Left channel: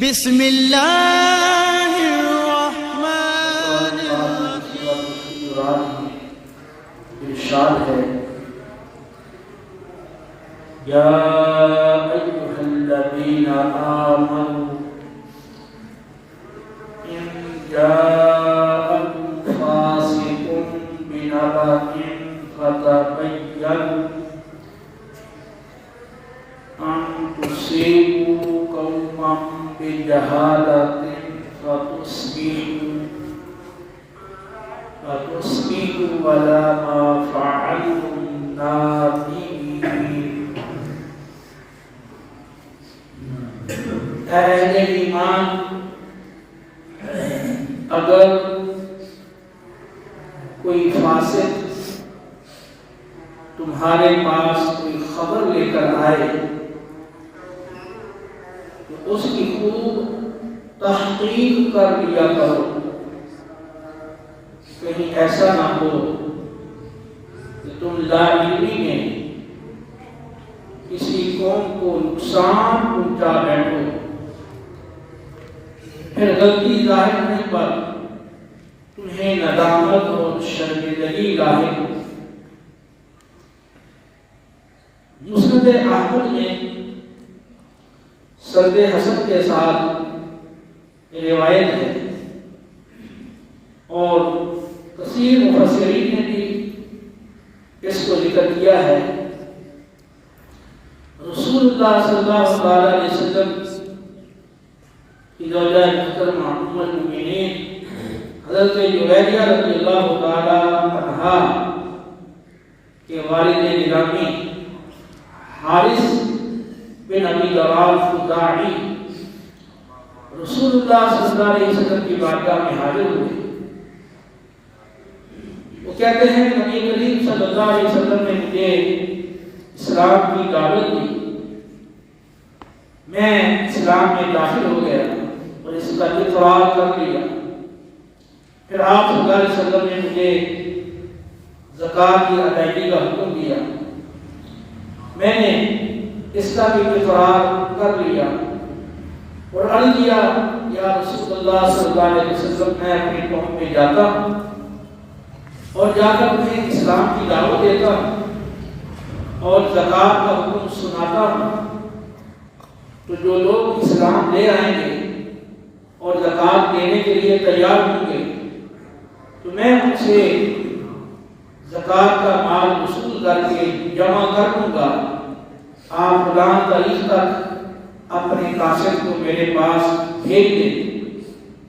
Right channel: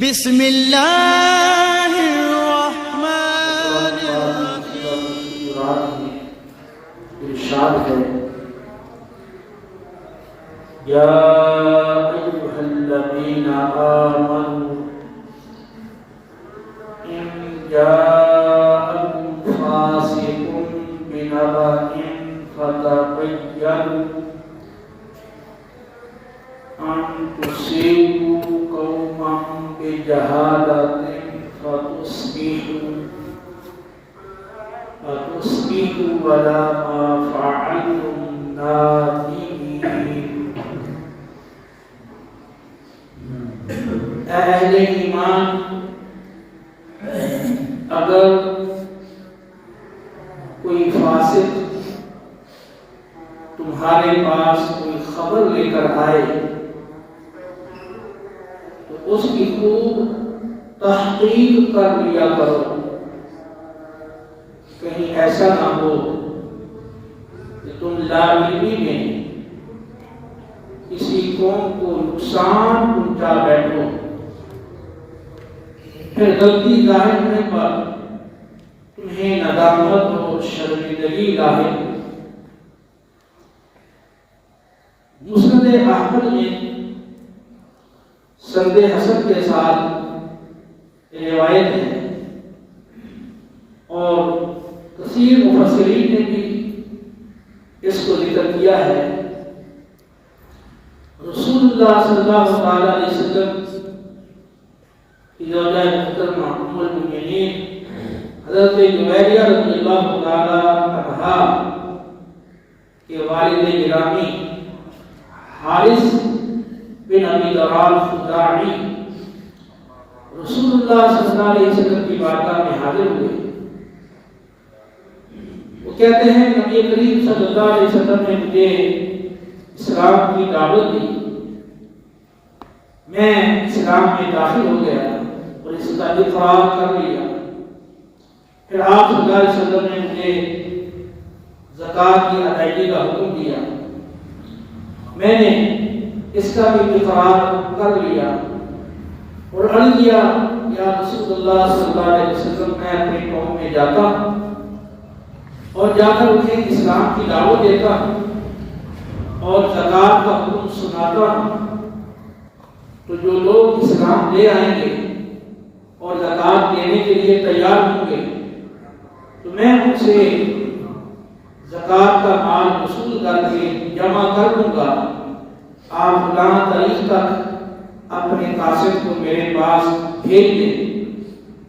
بسم اللہ الرحمن الرحیم۔ ارشاد ہے یا ایھا الذین آمنوا ان جاءکم فاسق بنبأ فتبینوا ان تصیبوا قوما بجہالۃ فتصبحوا علی ما فعلتم نادمین۔ اے اہل ایمان، اگر کوئی فاسق تمہارے پاس کوئی خبر لے کر آئے تو اس کی خوب تحقیق کر لیا کرو، کہیں ایسا نہ ہو کہ تم لا علمی میں کسی قوم کو نقصان پہنچا بیٹھو، پھر غلطی ظاہر ہونے پر تمہیں ندامت اور شرمندگی لاحق ہو۔ مسند احمد میں سند حسن کے ساتھ روایت ہے اور کثیر مفسرین نے بھی اس کو ذکر کیا ہے۔ رسول اللہ صلی اللہ علیہ وسلم کی زوجہ محترمہ ام المؤمنین حضرت جویریہ رضی اللہ تعالی عنہا کے والد گرامی حارث بن ابی ضرار خزاعی رسول اللہ صلی اللہ علیہ وسلم کی بارگاہ میں حاضر ہوئے۔ وہ کہتے ہیں نبی کریم صلی اللہ علیہ وسلم نے مجھے اسلام کی دعوت دی، میں اسلام میں داخل ہو گیا اور اس کا اقرار کر لیا۔ پھر آپ صلی اللہ علیہ وسلم نے مجھے زکوٰۃ کی ادائیگی کا حکم دیا، میں نے اس کا بھی اقرار کر لیا اور عرض کیا یا رسول اللہ صلی اللہ علیہ وسلم، میں اپنی قوم میں جاتا ہوں اور جا کر انہیں اسلام کی دعوت دیتا ہوں اور زکوٰۃ کا حکم سناتا ہوں، تو جو لوگ اسلام لے آئیں گے اور زکوٰۃ دینے کے لیے تیار ہوں گے تو میں ان سے زکوٰۃ کا مال وصول کر کے جمع کر دوں گا۔ آپ فلاں تاریخ تک اپنے قاصد کو میرے پاس بھیج دیں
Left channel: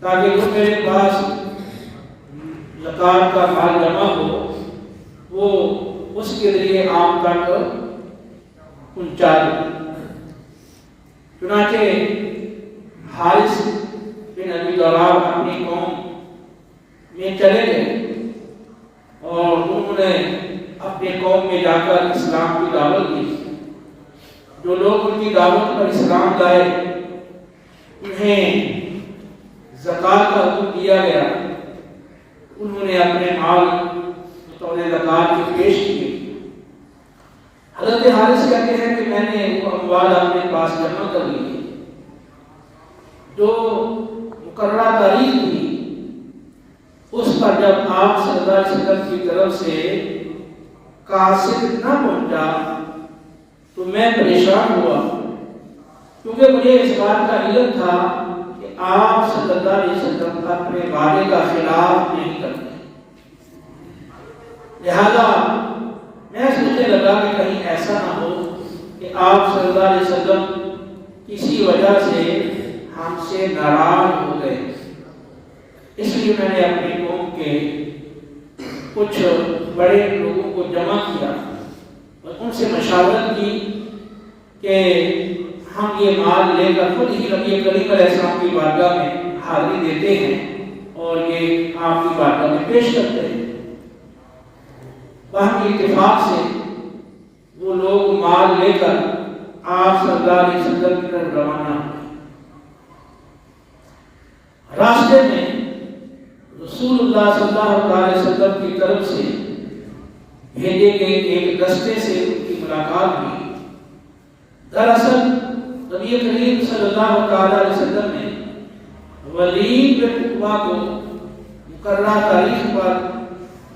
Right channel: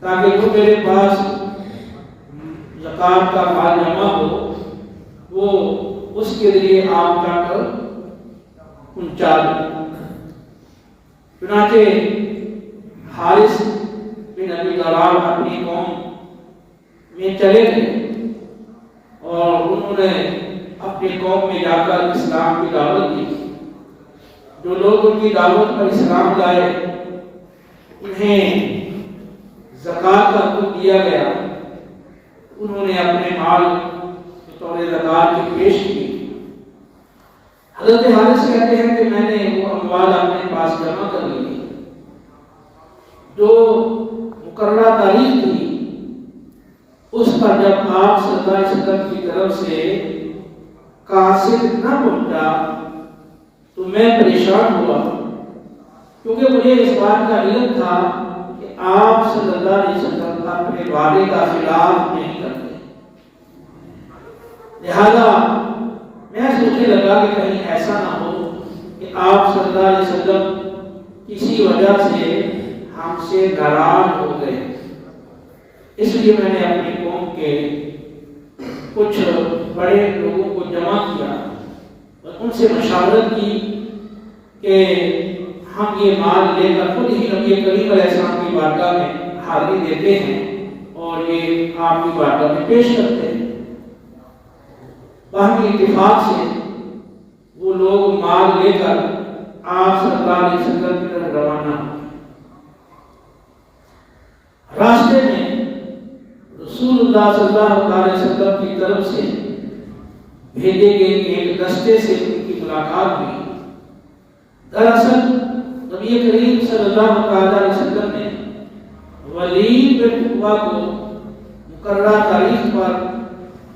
تاکہ جو میرے پاس زکوٰۃ کا مال جمع ہو وہ اس کے لیے آپ تک پہنچا دیں۔ چنانچہ حارث بن ابی ضرار اپنی قوم میں چلے گئے اور انہوں نے اپنی قوم میں جا کر اسلام کی دعوت دی۔ جو لوگ ان کی دعوت پر اسلام لائے انہیں زکوٰۃ کا حکم دیا گیا، انہوں نے اپنے مال بطور زکوٰۃ کے پیش کیے۔ حضرت حارث کہتے ہیں کہ میں نے وہ اموال اپنے پاس جمع کر لی، جو مقررہ تاریخ تھی اس پر جب آپ صلی اللہ علیہ وسلم کی طرف سے قاصد نہ پہنچا تو میں پریشان ہوا، کیونکہ مجھے اس بات کا علم تھا کہ آپ صلی اللہ علیہ وسلم اپنے وعدے کا خلاف نہیں کرتے، لہذا میں سوچنے لگا کہ کہیں ایسا نہ ہو کہ آپ صلی اللہ علیہ وسلم کسی وجہ سے ہم سے ناراض ہو گئے، اس لیے میں نے اپنی قوم کے کچھ بڑے لوگوں کو جمع کیا اور ان سے مشاورت کی کہ ہم یہ مال لے کر خود ہی نبی کریم علیہ السلام کی بارگاہ میں حاضری دیتے ہیں اور یہ آپ کی بارگاہ میں پیش کرتے ہیں۔ باہمی اتفاق سے وہ لوگ مال لے کر آپ صلی اللہ علیہ وسلم کی طرف روانہ ہوئے۔ راستے میں رسول اللہ صلی اللہ علیہ وسلم کی طرف سے بھیجے گئے ایک دستے سے ان کی ملاقات ہوئی۔ دراصل نبی کریم صلی اللہ علیہ وسلم نے ولید بن عقبہ کو مقررہ تاریخ پر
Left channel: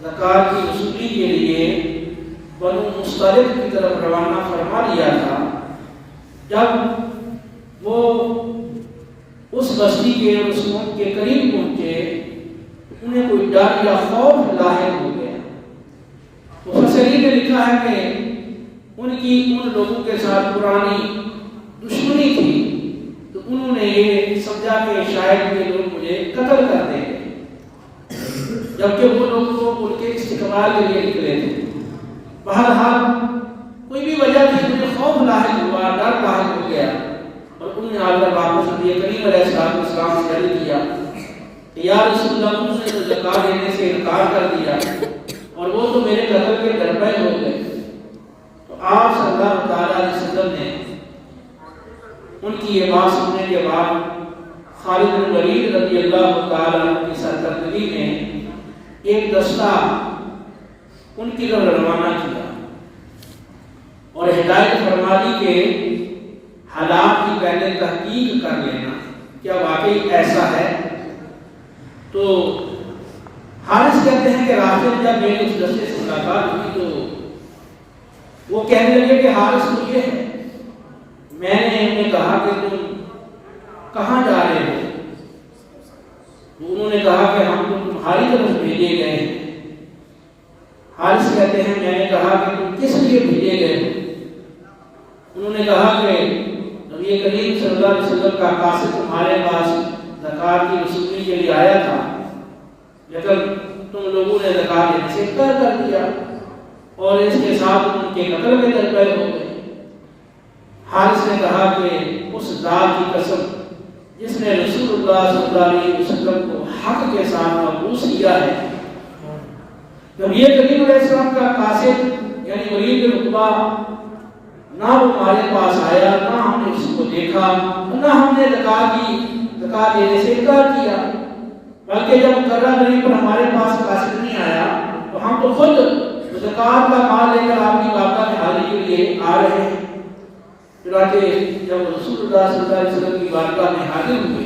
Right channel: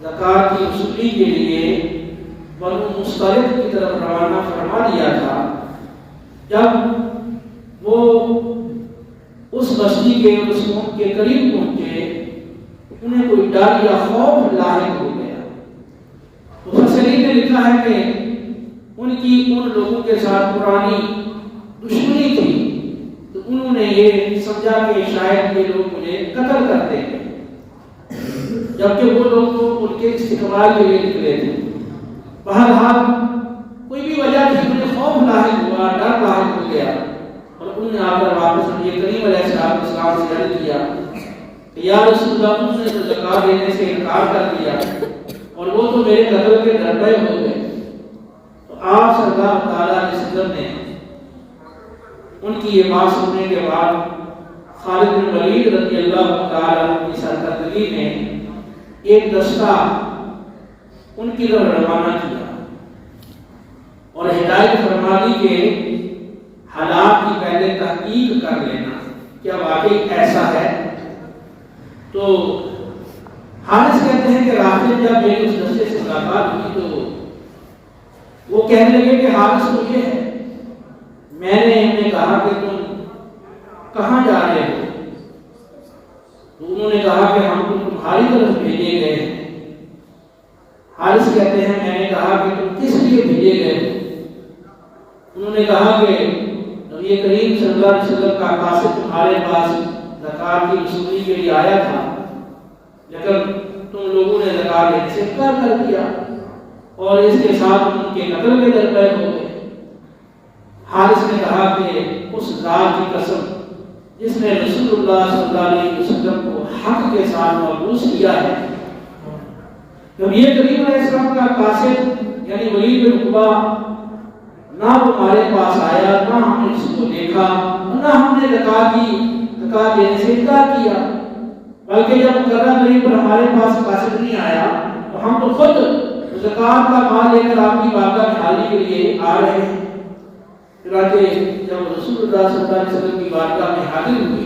زکوٰۃ کی وصولی کے لیے بنو مصطلق کی طرف روانہ فرما دیا تھا، جب وہ اس بستی کے اور اس قوم کے قریب پہنچے انہیں کوئی ڈر یا خوف لاحق ہو گیا۔ مفسرین نے لکھا ہے کہ ان لوگوں کے ساتھ پرانی دشمنی تھی، تو انہوں نے یہ سمجھا کہ شاید یہ لوگ مجھے قتل کر دیں گے، جبکہ وہ لوگ تو ان کے استقبال کے لیے نکلے تھے۔ بہرحال کوئی بھی وجہ تھی، مجھے خوف لاحق ہوا، ڈر لاحق ہو گیا، اور انہوں نے آ کر واپس نبی کریم علیہ السلام سے عرض کیا کہ یا رسول اللہ، تم نے زکوٰۃ دینے سے انکار کر دیا اور وہ تو میرے قتل کے درپے ہو گئے۔ تو آپ صلی اللہ تعالیٰ علیہ وسلم نے ان کی یہ بات سننے کے بعد خالد بن ولید رضی اللہ تعالیٰ عنہ کی سرکردگی میں ایک دستہ ان کی طرف روانہ کیا اور ہدایت فرما دی کہ حالات کی پہلے تحقیق کر لینا، کیا واقعی ایسا ہے؟ تو حارث کہتے ہیں کہ راستے میں جب میری اس دستے سے ملاقات ہوئی تو وہ کہنے لگے کہ حارث تو یہ ہے۔ میں نے انہیں کہا کہ تم کہاں جا رہے ہو؟ تو انہوں نے کہا کہ ہم تو تمہاری طرف بھیجے گئے ہیں۔ حارث کہتے ہیں میں نے کہا کہ تم کس لیے بھیجے گئے ہو؟ انہوں نے کہا کہ نبی کریم صلی اللہ علیہ وسلم کا قاصد تمہارے پاس زکوٰۃ کی وصولی کے لیے آیا تھا، لیکن تم لوگوں نے زکوٰۃ دینے سے انکار کر دیا اور اس کے ساتھ ان کے قتل میں درپے ہو گئے۔ حارث نے کہا کہ اس ذات کی قسم جس نے رسول اللہ صلی اللہ علیہ وسلم کو حق کے ساتھ مبعوث کیا ہے، نبی کریم علیہ السلام کا قاصد یعنی ولید بن عقبہ نہ وہ ہمارے پاس آیا، نہ ہم نے اس کو دیکھا، نہ ہم نے زکوٰۃ دینے سے انکار کیا، بلکہ جب مقررہ تاریخ پر ہمارے پاس قاصد نہیں آیا تو ہم تو خود زکوٰۃ کا مال لے کر آپ کی بارگاہ میں حاضری کے لیے آ رہے ہیں۔ چنانچہ جب رسول اللہ صلی اللہ علیہ وسلم کی بارگاہ میں حاضر ہوئے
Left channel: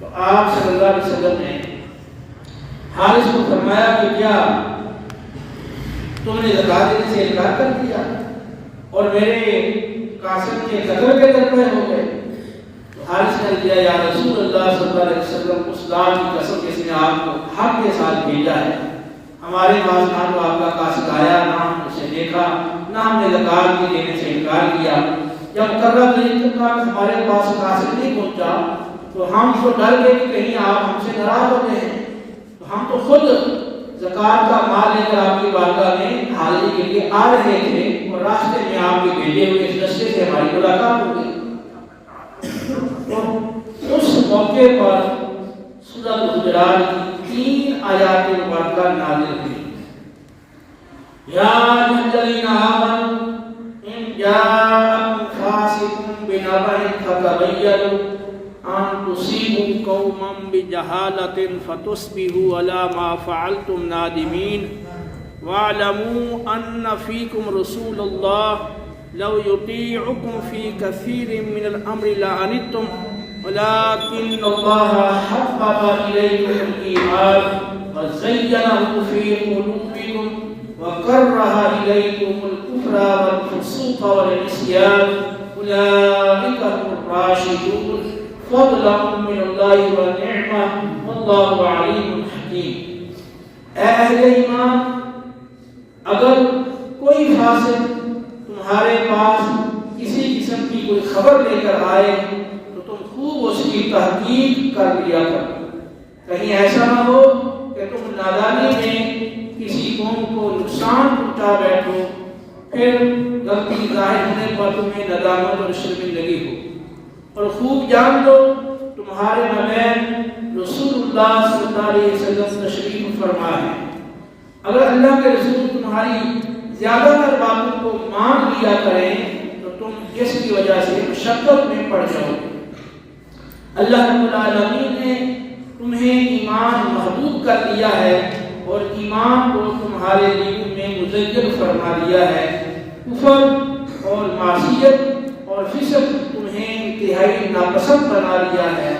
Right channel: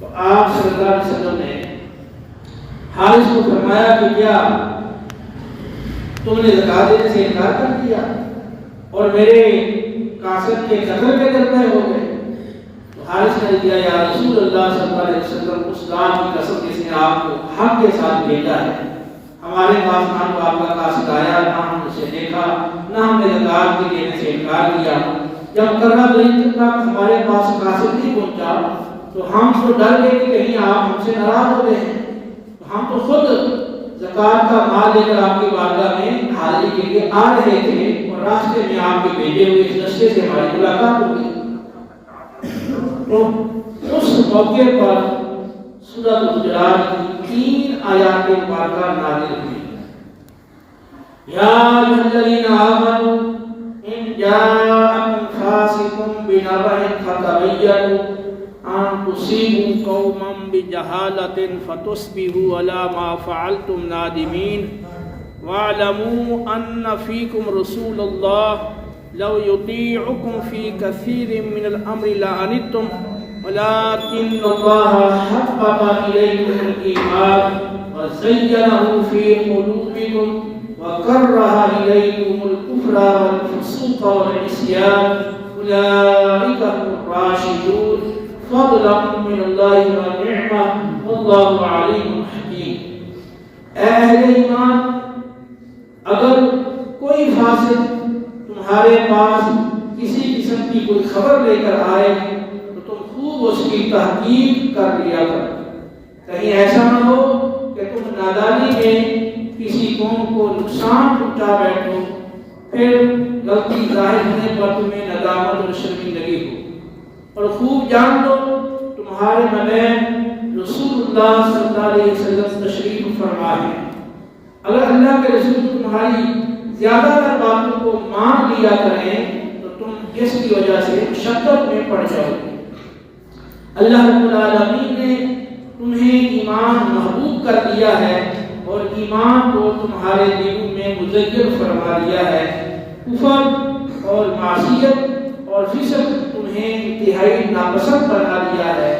تو آپ صلی اللہ علیہ وسلم نے حارث کو فرمایا کہ کیا تم نے زکوٰۃ دینے سے انکار کر دیا اور میرے قاصد کے قتل کے درپے ہو گئے؟ تو حارث نے کیا یا رسول اللہ صلی اللہ علیہ وسلم، اس ذات کی قسم جس نے آپ کو حق کے ساتھ بھیجا ہے، ہمارے پاس نہ تو آپ کا قاصد آیا، نہ ہم اسے دیکھا، نہ ہم نے زکوٰۃ کی دینے سے انکار کیا۔ جب مقررہ تاریخ تک ہمارے پاس قاصد نہیں پہنچا تو ہم تو ڈر گئے کہ کہیں آپ ہم سے ناراض ہوتے ہیں، تو ہم تو خود زکوٰۃ کا مال لے کر آپ کی بارگاہ میں حاضری کے لیے آ رہے تھے اور راستے میں آپ کے بھیجے ہوئے اس دستے سے ہماری ملاقات ہو گئی۔ تو اس موقع پر سورۃ الحجرات کی 3 آیات مبارکہ نازل ہوئی۔ یا ایھا الذین آمنوا ان جاءکم فاسق بنبأ فتبینوا ان تصیبوا قوما بجہالۃ فتصبحوا علی ما فعلتم نادمین واعلموا ان فیکم رسول اللہ لو یطیعکم فی کثیر من الامر لعنتم ولكن الله حبب إليكم الإيمان وزينه في قلوبكم وكره إليكم الكفر والفسوق والعصيان أولئك هم الراشدون فضلا من الله ونعمة والله عليم حكيم۔ اے اہل ایمان، اگر کوئی فاسق تمہارے پاس کسی قسم کی کوئی خبر لے کر آئے تو تم خوب اس کی تحقیق کر لیا کرو، کہیں ایسا نہ ہو کہ تم نادانی میں کسی قوم کو نقصان پہنچا بیٹھو، پھر غلطی ظاہر ہونے پر تمہیں ندامت اور شرمندگی ہو۔ اور خوب جان لو تمہارے مابین رسول اللہ صلی اللہ علیہ وسلم تشریف فرما ہے۔ اگر اللہ کے رسول تمہاری زیادہ تر باتوں کو مان لیا کریں تو تم جس کی وجہ سے مشقت میں پڑ جاؤ۔ اللہ رب العالمین نے تمہیں ایمان محبوب کر دیا ہے اور ایمان کو تمہارے دلوں میں مزین فرما دیا ہے۔ کفر اور معصیت اور فسق تمہیں انتہائی ناپسند بنا دیا ہے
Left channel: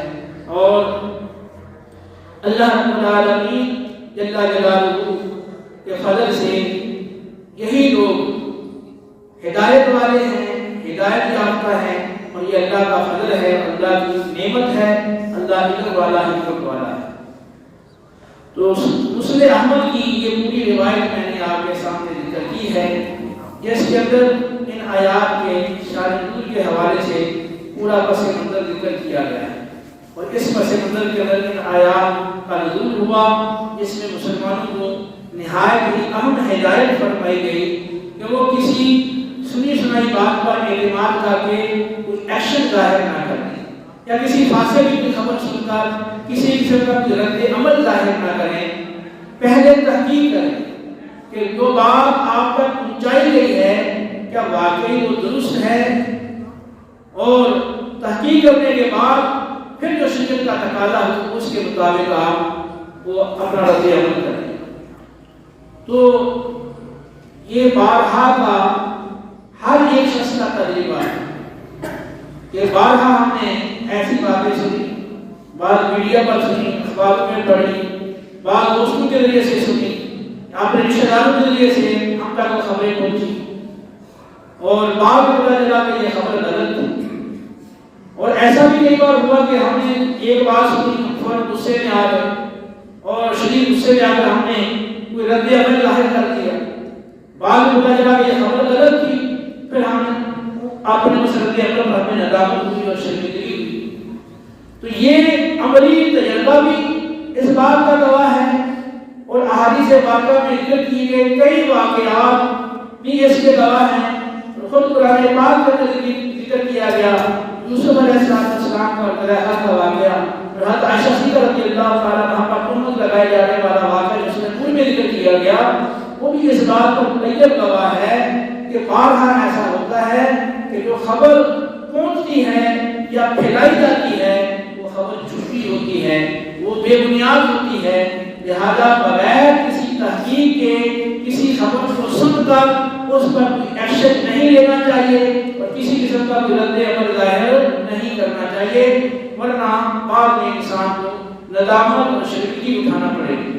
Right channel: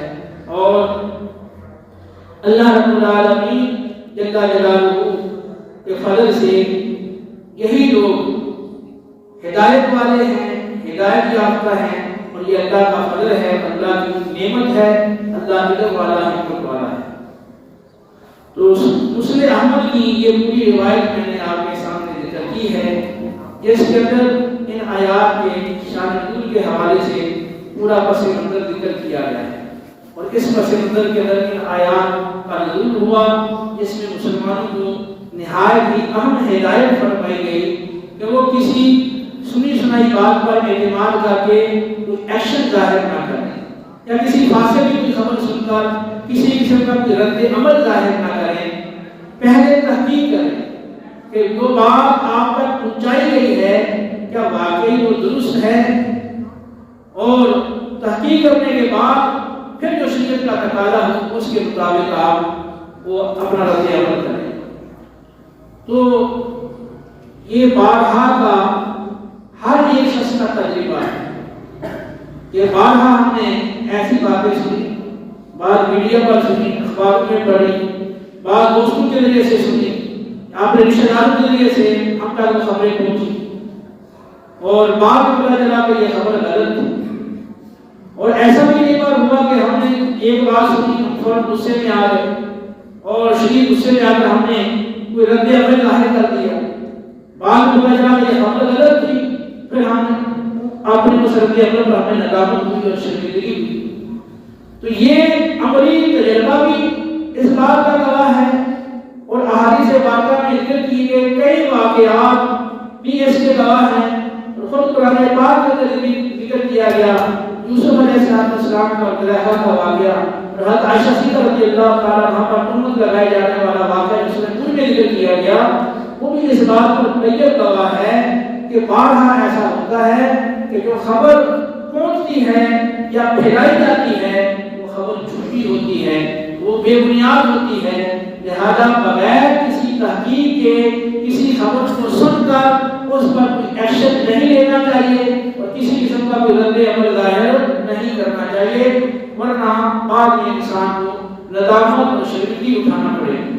اور اللہ رب العالمین جل جلالہ کے فضل سے یہی لوگ ہدایت والے ہیں، ہدایت یافتہ ہیں، اور یہ اللہ کا فضل ہے، اللہ کی نعمت ہے، اللہ علم والا حکمت والا ہے۔ تو مسلم احمد کی یہ پوری روایت میں نے آپ کے سامنے ذکر کی ہے، جس کے اندر ان آیات کے شان نزول کے حوالے سے پورا پس منظر ذکر کیا گیا ہے، اور اس پس منظر کے اندر ان آیات کا نزول ہوا جس میں مسلمانوں کو نہایت ہی اہم ہدایت فرمائی گئی کہ وہ کسی سنی سنائی بات پر اعتماد کر کے کوئی ایکشن ظاہر نہ کریں، یا کسی فاسق کی کوئی خبر سن کر کسی قسم کا کوئی رد عمل ظاہر نہ کریں، پہلے تحقیق کریں کہ جو بات آپ تک پہنچائی گئی ہے کیا واقعی وہ درست ہے، اور تحقیق کرنے کے بعد پھر جو شریعت کا تقاضا ہو اس کے مطابق آپ وہ اپنا رد عمل کریں۔ تو یہ بارہا کا ہر ایک شخص کا تجربہ ہے کہ بارہا ہم نے ایسی باتیں سنی، بعض میڈیا پر سنی، اخباروں میں پڑھی، بعض دوستوں کے ذریعے سے سنی، اپنے رشتہ داروں کے ذریعے سے ہم تک وہ خبریں پہنچی، اور بعد میں پتہ چلا کہ یہ خبر غلط تھی، اور ایسا بھی کئی بار ہوا کہ ہم نے ایک بات سنی، ہم فوراً غصے میں آ گئے، اور شدید غصے میں آ کر ہم نے کوئی رد عمل ظاہر کر دیا، بعد میں پتہ چلا کہ یہ خبر غلط تھی، پھر ہم اپنے اس رد عمل پر ہمیں ندامت ہوئی اور شرمندگی ہوئی۔ تو یہ عملی تجربہ بھی اس بات کا گواہ ہے، اور احادیث پاکہ میں ذکر کیے گئے کئی واقعات بھی اس کے گواہ ہیں، اور خود قرآن پاک کے اندر بھی ذکر کیا گیا یوسف علیہ السلام کا زلیخا کا واقعہ، اور حضرت عائشہ صدیقہ رضی اللہ تعالیٰ عنہا پر تہمت لگائے جانے والا واقعہ جو سورہ نور میں ذکر کیا گیا، وہ بھی اس بات پر مبین گواہ ہے کہ بارہا ایسا ہوتا ہے کہ جو خبر پہنچتی ہے یا پھیلائی جاتی ہے وہ خبر جھوٹی ہوتی ہے، وہ بے بنیاد ہوتی ہے، لہذا بغیر کسی تحقیق کے کسی خبر کو سن کر اس پر کوئی ایکشن نہیں لینا چاہیے، اور کسی قسم کا کوئی رد عمل ظاہر نہیں کرنا چاہیے، ورنہ بعد میں انسان کو ندامت اور شرمندگی اٹھانا پڑے گا۔